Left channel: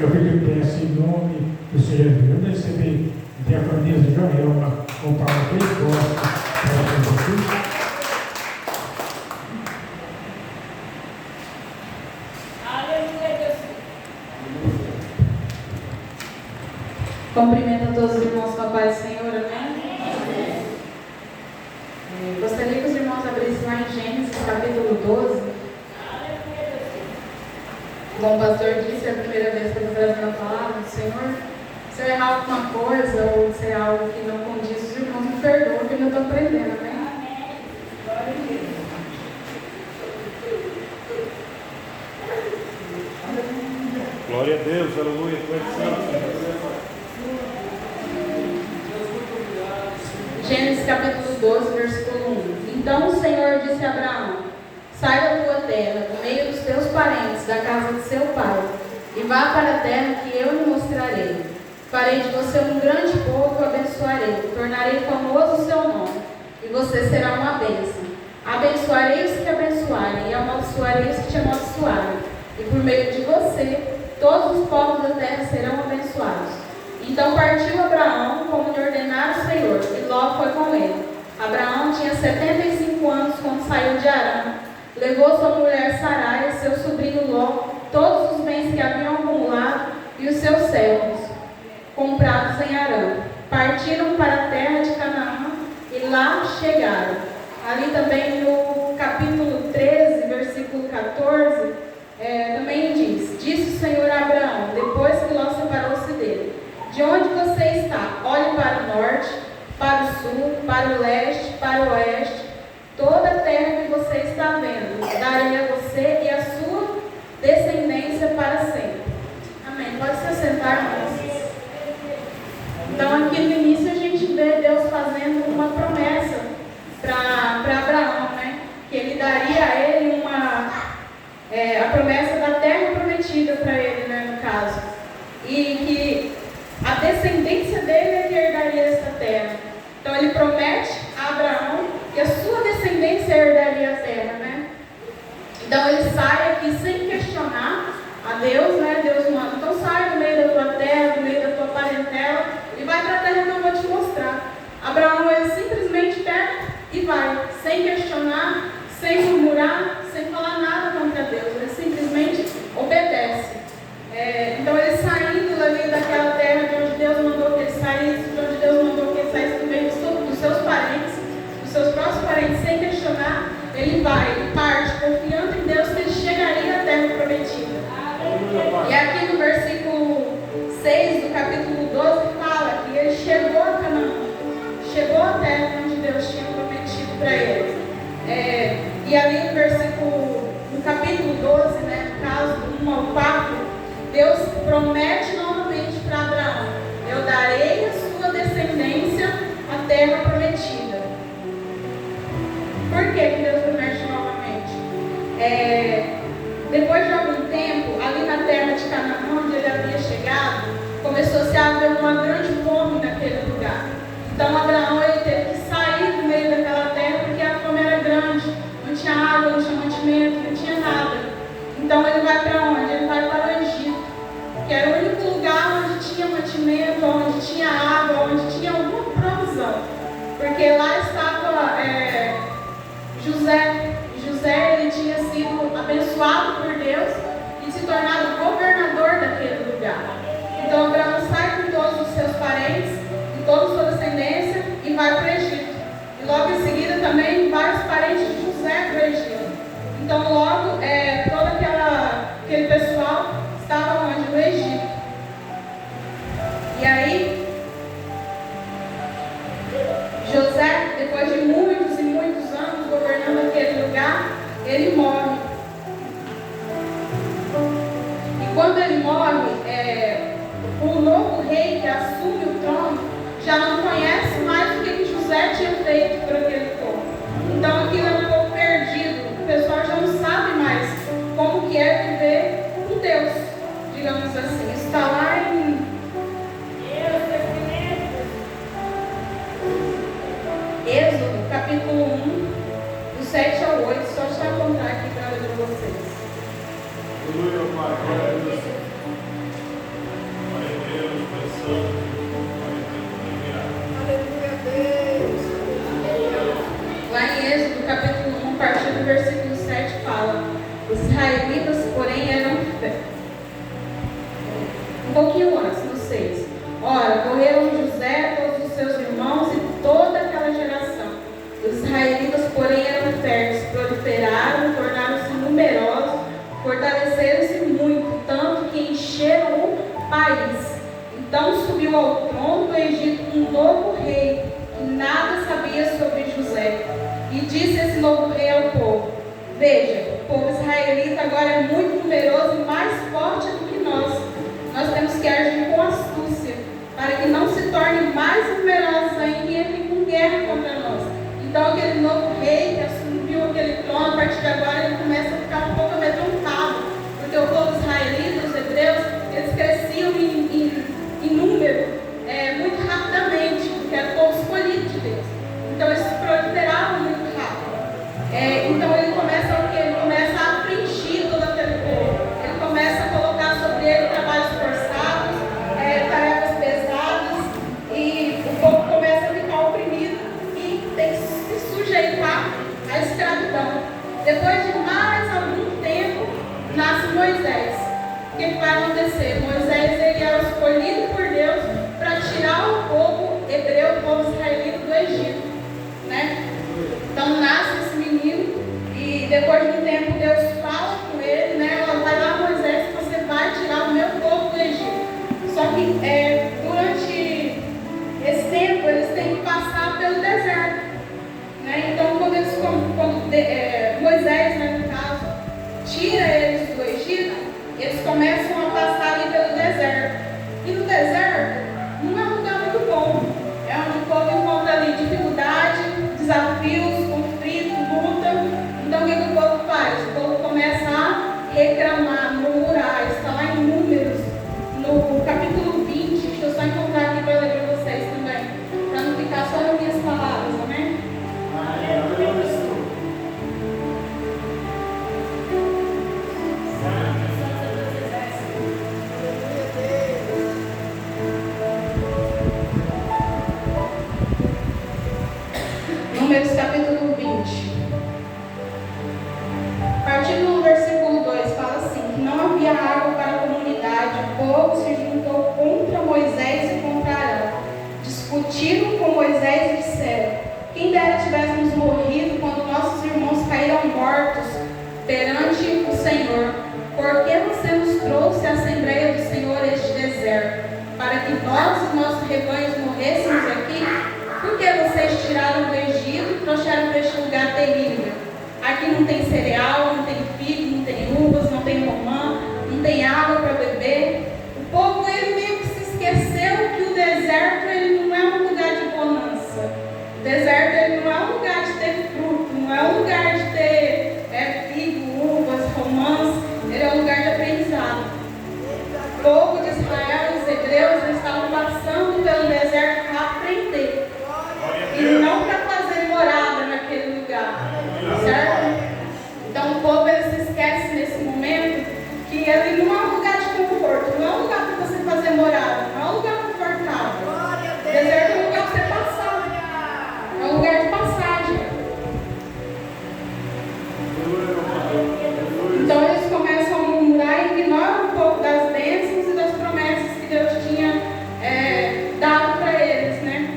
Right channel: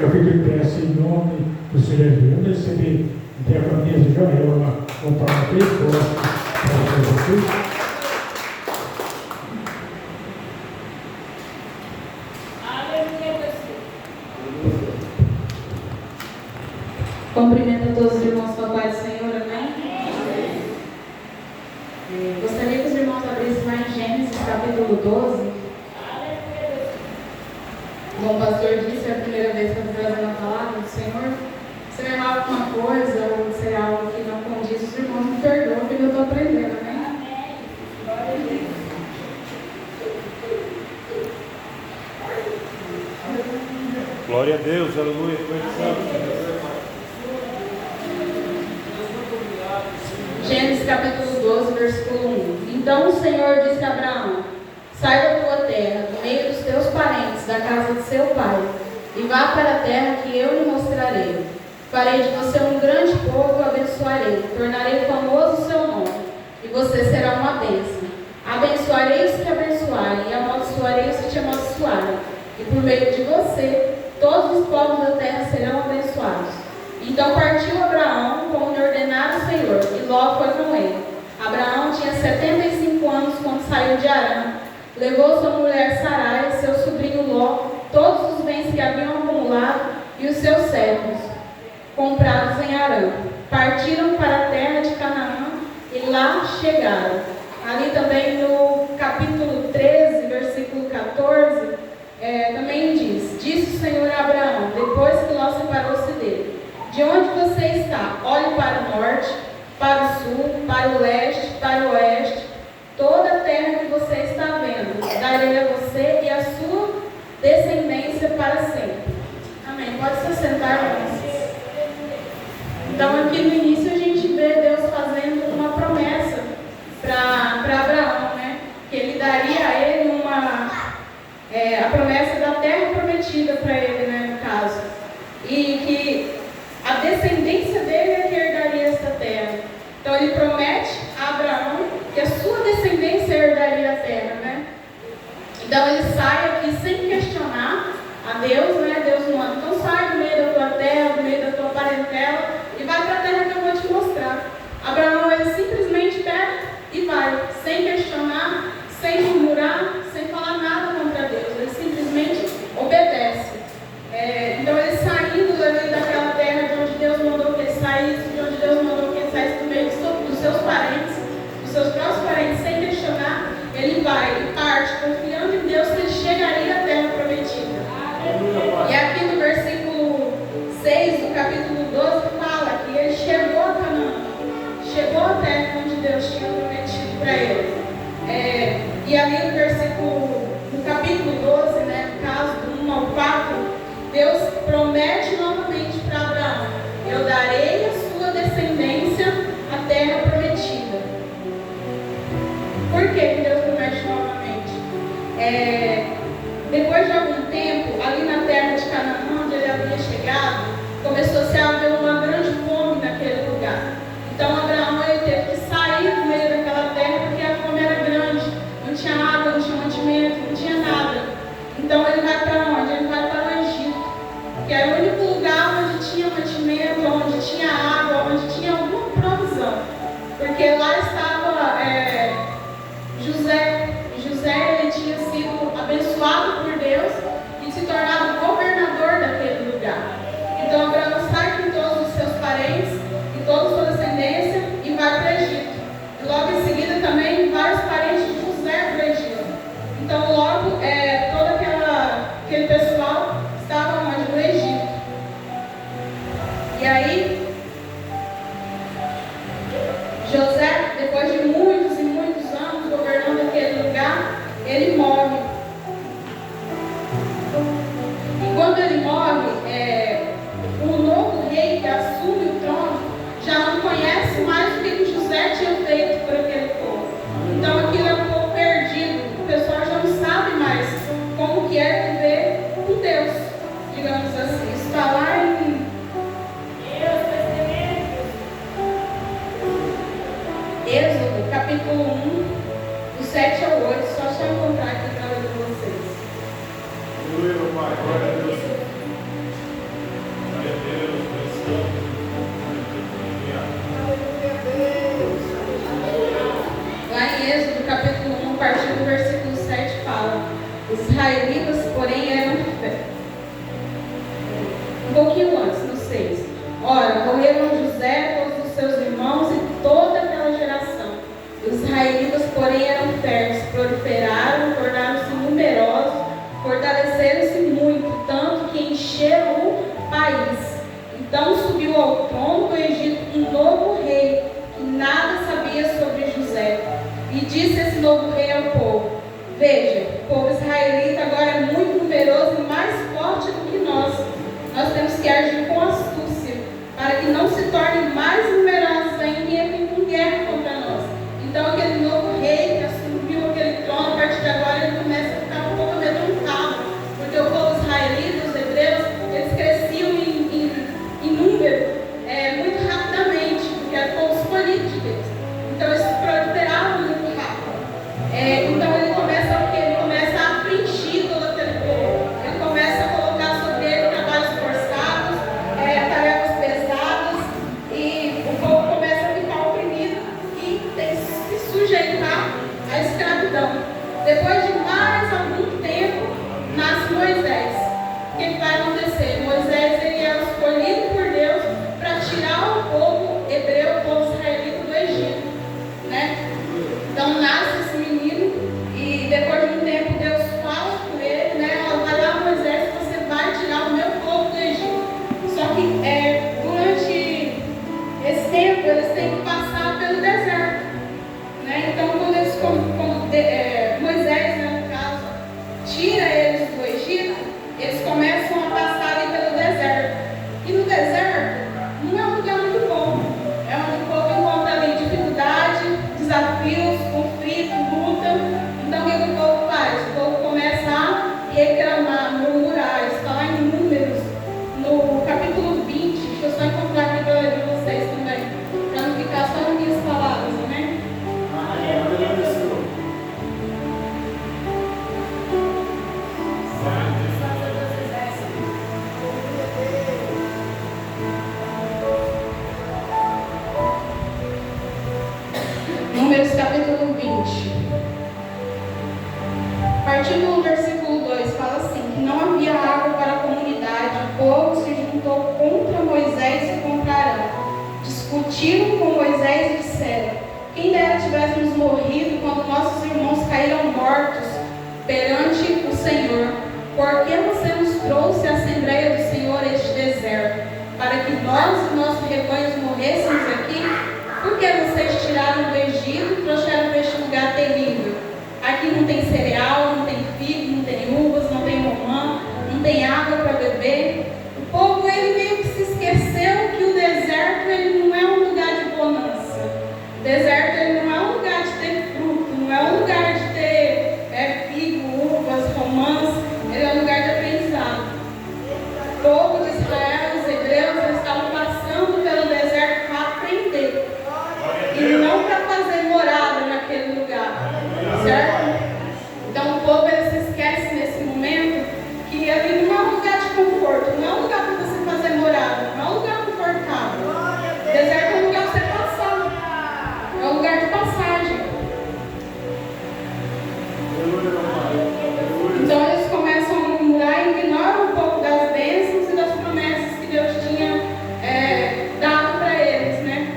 Eu fico em pé assim, em nome do Senhor Jesus. Eu recebi diaconia de Joel, uma palavra que eu gosto para vocês. Cumprimento a todos os irmãos com a paz do Senhor, amém? Gostaria que os irmãos abrissem lá em Gênesis capítulo 12. Como o pastor disse, é a primeira vez que eu estou trazendo a palavra do Senhor. Se eu errar alguma coisa ou se é algo que não condiz, os irmãos me perdoam, porque eu estou aprendendo, amém? Glória a Deus, aleluia, Gênesis capítulo 12, versículo 1. Então o Senhor disse a Abraão: sai da tua terra, do meio dos teus parentes, da casa de seu pai, e vá para a terra que eu lhe mostrarei. Farei de você um grande povo e o abençoarei. Tornarei famoso o seu nome, e você será uma bênção. Abençoarei os que te abençoarem, e amaldiçoarei os que te amaldiçoarem. E por meio de você, todos os povos da terra serão abençoados. Então partiu Abraão, como lhe ordenara o Senhor, e Ló foi com ele. Abraão tinha 75 anos quando saiu de Harã. Levou sua mulher Sarai, seu sobrinho Ló, todos os bens que haviam acumulado e os seus servos, comprados em Harã. Partiram para a terra de Canaã e lá chegaram. Lá em Êxodo, capítulo 1, a partir do versículo 7, fala: os israelitas, porém, eram um pouquinho antes, no 6. Ora, morreram José, todos os seus irmãos e toda aquela geração. Os israelitas, porém, eram férteis, proliferaram, tornaram-se numerosos, fortaleceram-se muito, tanto que encheram o país. Então subiu ao trono do Egito um novo rei, que nada sabia sobre José. E disse esse novo rei ao povo: veja, o povo israelita agora é muito numeroso e mais forte do que nós. Nós temos que agir com astúcia, para que não se tornem mais numerosos ainda e entrem com guerra contra nós. Então aquele novo rei que assumiu aquele trono, a partir de agora ele começa a ficar um pouco amedrontado, porque o povo israelita, os hebreus, eles cresciam em número muito rapidamente, porque era o povo escolhido de Deus. Então eles se proliferavam muito rápido. Então ele começa a preencher todo aquele povo. Ele começa a colocar sobre ele trabalhos forçados, tarefas pesadas, e o povo começa a ficar oprimido e tem que se sujeitar à escravidão. Depois de mais algum tempo, nasce Moisés. O que vai acontecer? Moisés ele é escolhido por Deus para tirar o povo hebreu, o povo israelita do Egito, né? Então nasce esse menino e depois de um tempo Deus fala com ele, né? Vai lá, Moisés, você vai tirar o meu povo do Egito. Só que durante esse tempo eles têm que passar pelo deserto, né? Então quando Moisés, né, no caso, tira eles do Egito, eles começam a passar ali pelo deserto. E no deserto não é um lugar muito bom. É onde o povo encontra ali dificuldade, desafios, conflito, luta. Então o que o povo faz? O povo começa a reclamar, murmurar. Está lá em Números, no capítulo 20. Deixa eu só encontrar aqui para ler para vocês também, para não ficar só nas minhas palavras, amém? Números capítulo 20. A partir do versículo 2 fala assim: que não havia água para a comunidade, o povo se juntou contra Moisés e contra Arão. Discutiram com Moisés e disseram: quem dera tivéssemos morrido quando nossos irmãos caíram mortos perante o Senhor. Por que você nos trouxe à Assembleia do Senhor este deserto, para que nós e nossos rebanhos morrêssemos aqui? Por que vocês tiraram do Egito e trouxeram para este lugar terrível? Aqui não tem cereal, não tem figo, não tem uvas, não tem romã, não tem água para beber. O povo ele meio que se esqueceu que o deserto ele não é um lugar de bonança. O deserto ele não é um lugar de ter fruto, não é um lugar de ter figo, uvas, romãs. Ele é um lugar de aprendizado. O povo de Israel, os hebreus, eles estavam passando pelo deserto para aprender. E não para fazer morada naquele lugar, certo? Então o povo ele se esquece nesse momento que ele não é um lugar de conforto, não é um lugar para você fazer morada, não é um lugar confortável. O deserto é um lugar para você passar, é um lugar de passagem. Então eles começam a murmurar e ignoram um pouco das bênçãos e das promessas que Deus tinha dado para eles, né?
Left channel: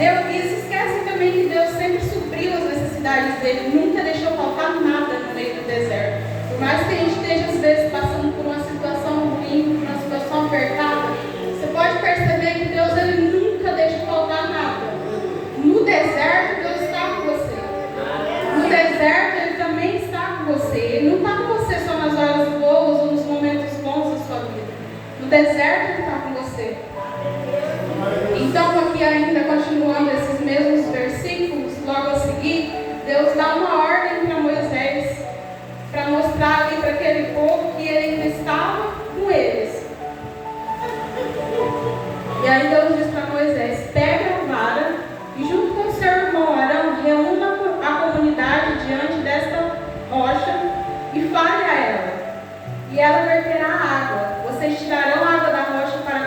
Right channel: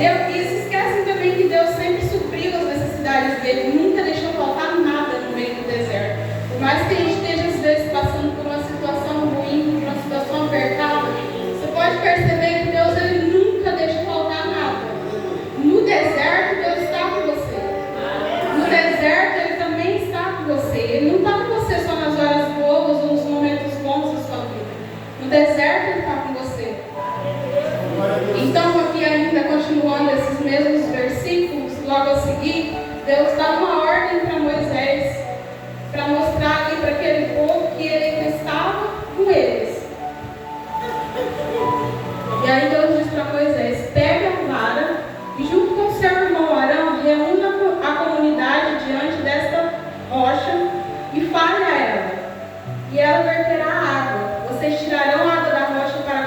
E se esquecem também que Deus sempre supriu as necessidades dele, nunca deixou faltar nada no meio do deserto. Por mais que a gente esteja às vezes passando por uma situação ruim, por uma situação apertada, você pode perceber que Deus ele nunca deixa faltar nada. No deserto Deus está com você. No deserto ele também está com você. Ele não está com você só nas horas boas ou nos momentos bons da sua vida. No deserto ele está com você. Então aqui ainda continuando esses mesmos versículos, logo a seguir, Deus dá uma ordem para Moisés, para mostrar ali para aquele povo que ele estava com eles. E aí Deus diz para Moisés: pega a vara e junto com seu irmão Arão, reúna a comunidade diante desta rocha e fale a ela. E ela verterá água. Vocês tirarão a água da rocha para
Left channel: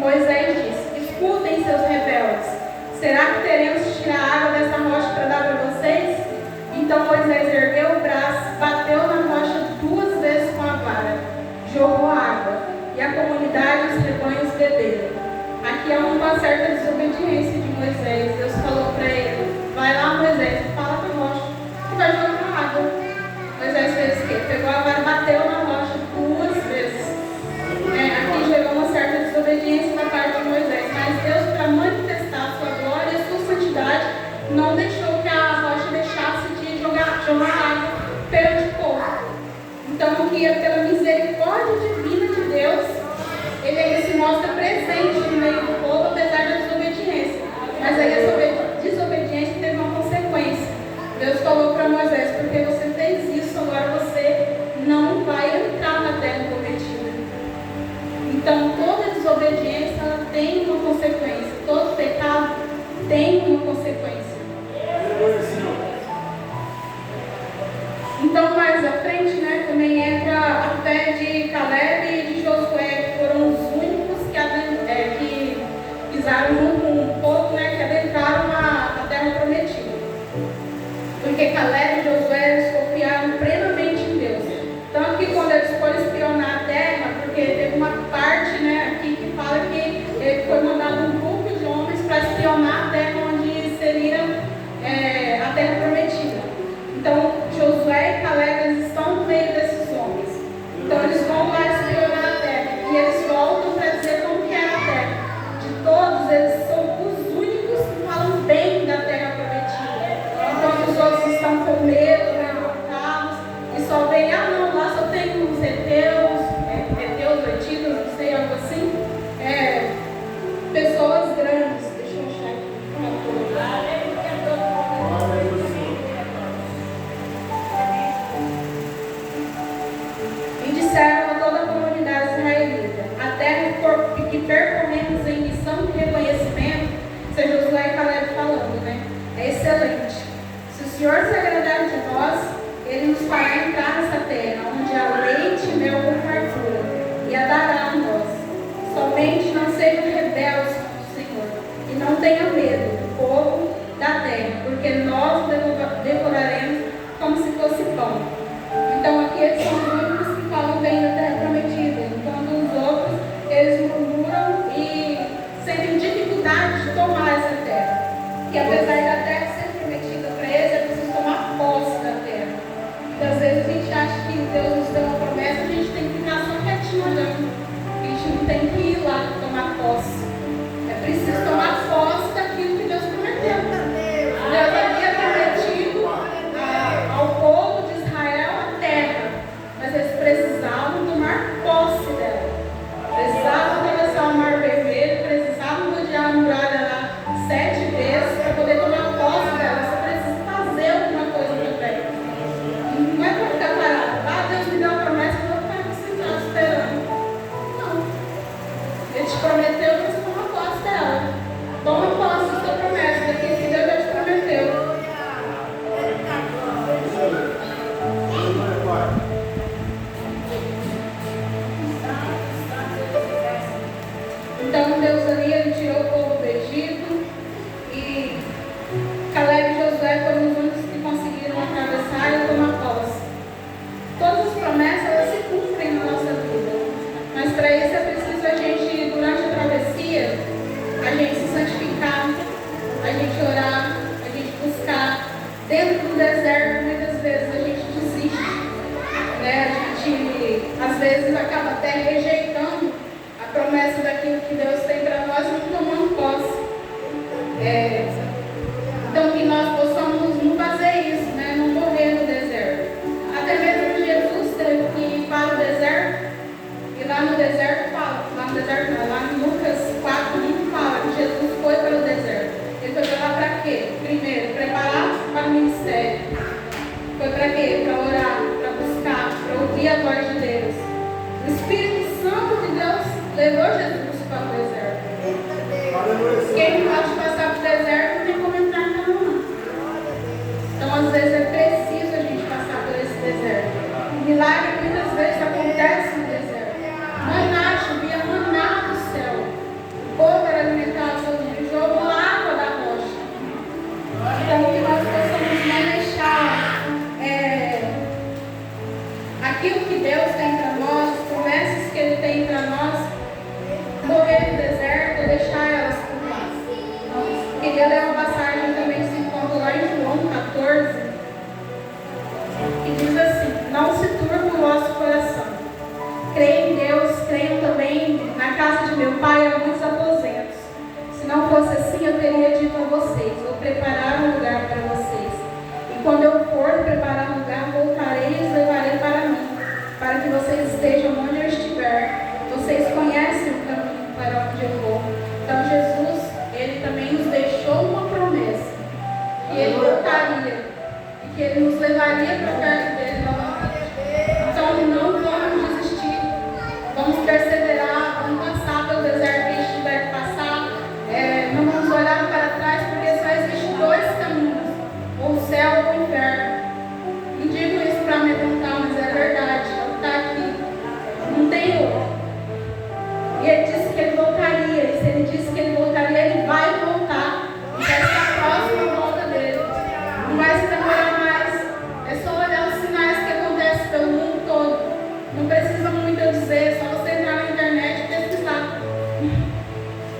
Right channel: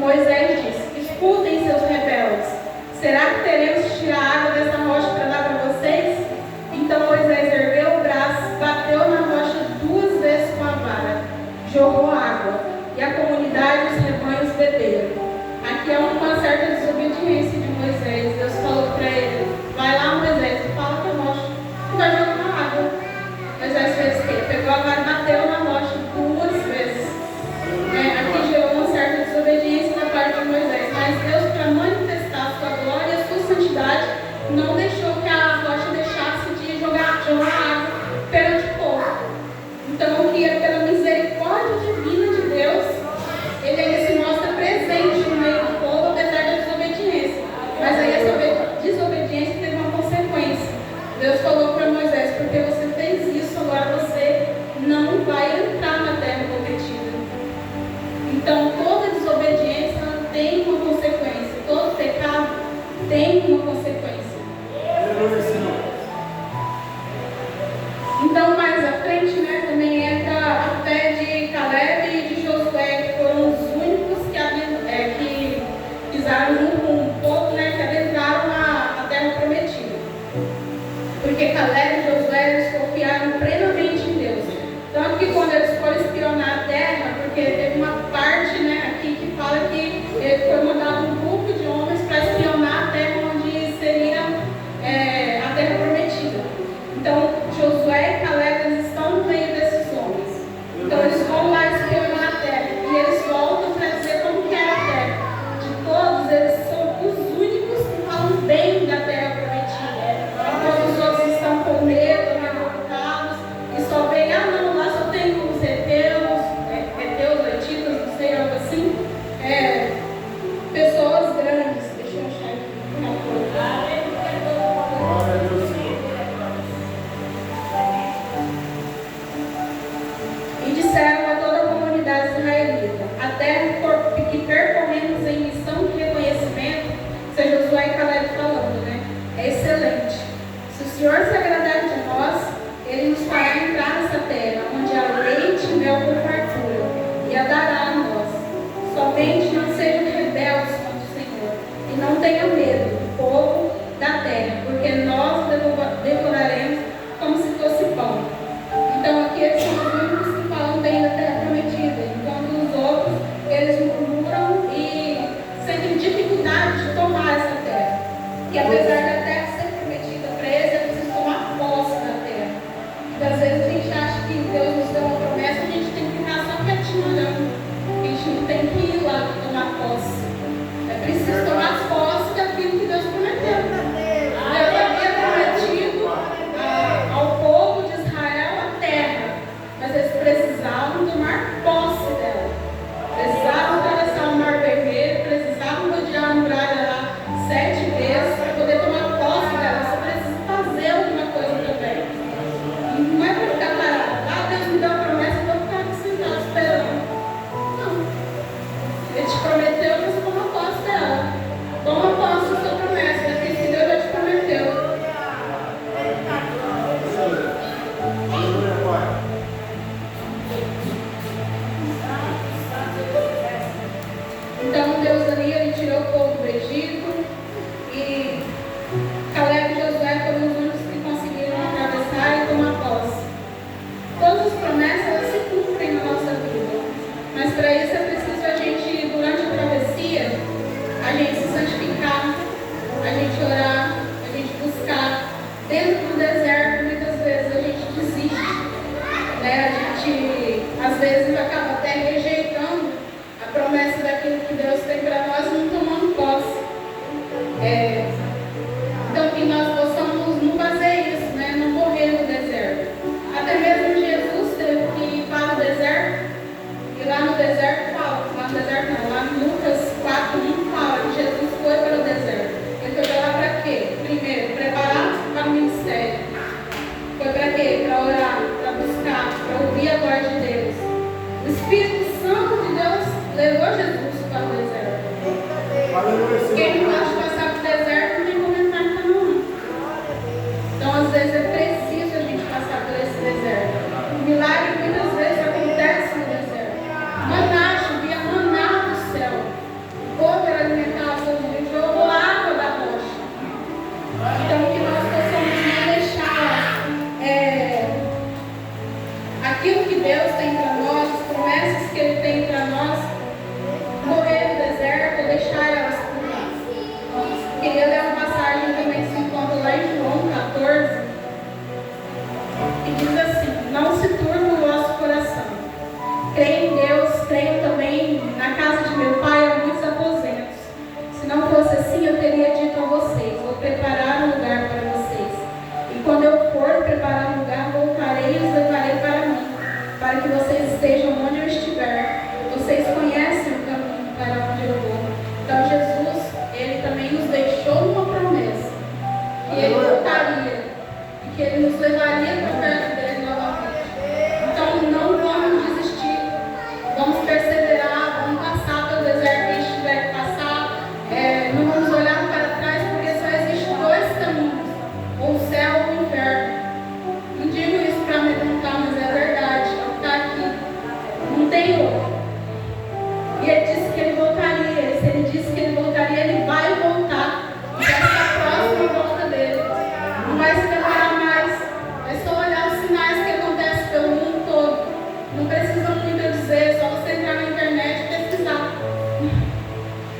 Moisés disse: escutem, seus rebeldes, será que teremos que tirar água dessa rocha para dar para vocês? Então Moisés ergueu o braço, bateu na rocha 2 vezes com a vara, jogou água, e a comunidade e os rebanhos beberam. Aqui há uma certa desobediência de Moisés. Deus falou para ele: vai lá, Moisés, fala com a rocha e vai jogar na água. Moisés fez o quê? Pegou a vara e bateu na rocha 2 vezes. Aqui gerou uma certa desobediência da parte de Moisés, mas Deus, para manifestar a sua glória e a sua deixar elas com nós. Queria ler uma passagem também que se encontra lá em João 14, e diz assim: não se turbe o vosso coração. Creio em Deus, creio também na casa de meu pai há muitos aposentos. Se não fosse assim, eu teria dito a vocês: vou preparar um lugar para vocês. E quando eu for preparar um lugar, voltarei e os levarei para mim, para que vocês estejam onde eu estiver. Vocês conhecem o caminho para onde eu vou. Então Jesus, Ele também nos deixou uma promessa, que Ele voltaria e que Ele nos levaria para perto dele novamente. Então não vamos desistir, vamos perseverar, vamos passar pelo deserto que a gente tiver que passar. Não vamos olhar para trás, porque só existem dois caminhos, ou o céu ou o inferno. Não digo isso para amedrontar, mas é verdade, é o que está aqui. Não tem outro. E Ele disse que Ele voltaria. Se Ele disse que Ele voltaria, Ele vai voltar. E vai ser a próxima volta dele. Não vai se demorar mais. É só olhar os sinais que acontecem pelo mundo todo. Não precisa muito eu dizer, é só você entrar na internet e pesquisar.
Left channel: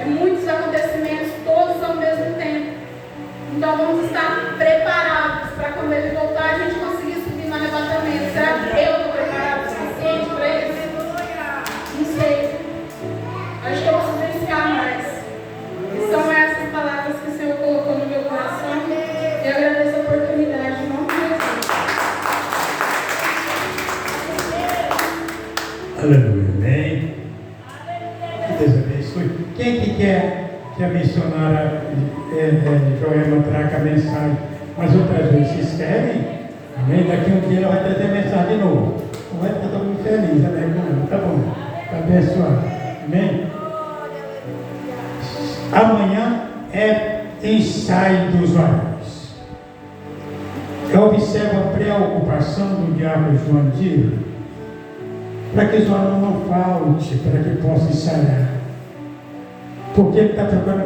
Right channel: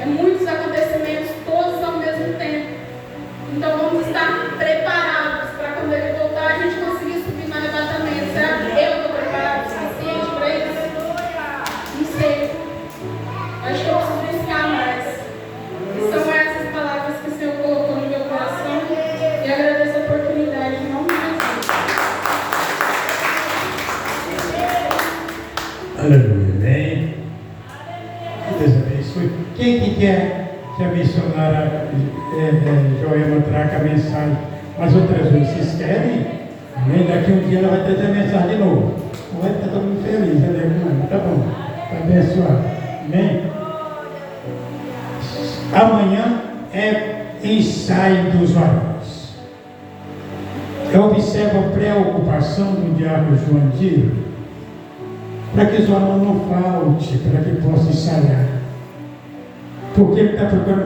É muitos acontecimentos, todos ao mesmo tempo. Então vamos estar preparados para quando Ele voltar a gente conseguir subir no arrebatamento. Será que eu estou preparado o suficiente para isso? Não sei. Acho que eu preciso buscar mais. E são essas palavras que o Senhor colocou no meu coração. E agradeço a oportunidade. Em nome de Jesus. Aleluia. Amém. Que Deus abençoe. Quem que quer que a missionária Joelma traga a mensagem as outras vezes? Vocês querem? Amém? Daqui um dia ela vai trazer a mensagem de novo. Não vai ficar todo mundo feliz, né? Tá bom. Tá abençoado. Amém? Amanhã é ensaio dos varões. Eu observo a preocupação do diabo João Dias, para que os varões não falte, para que possa ensaiar. Porque ele está procurando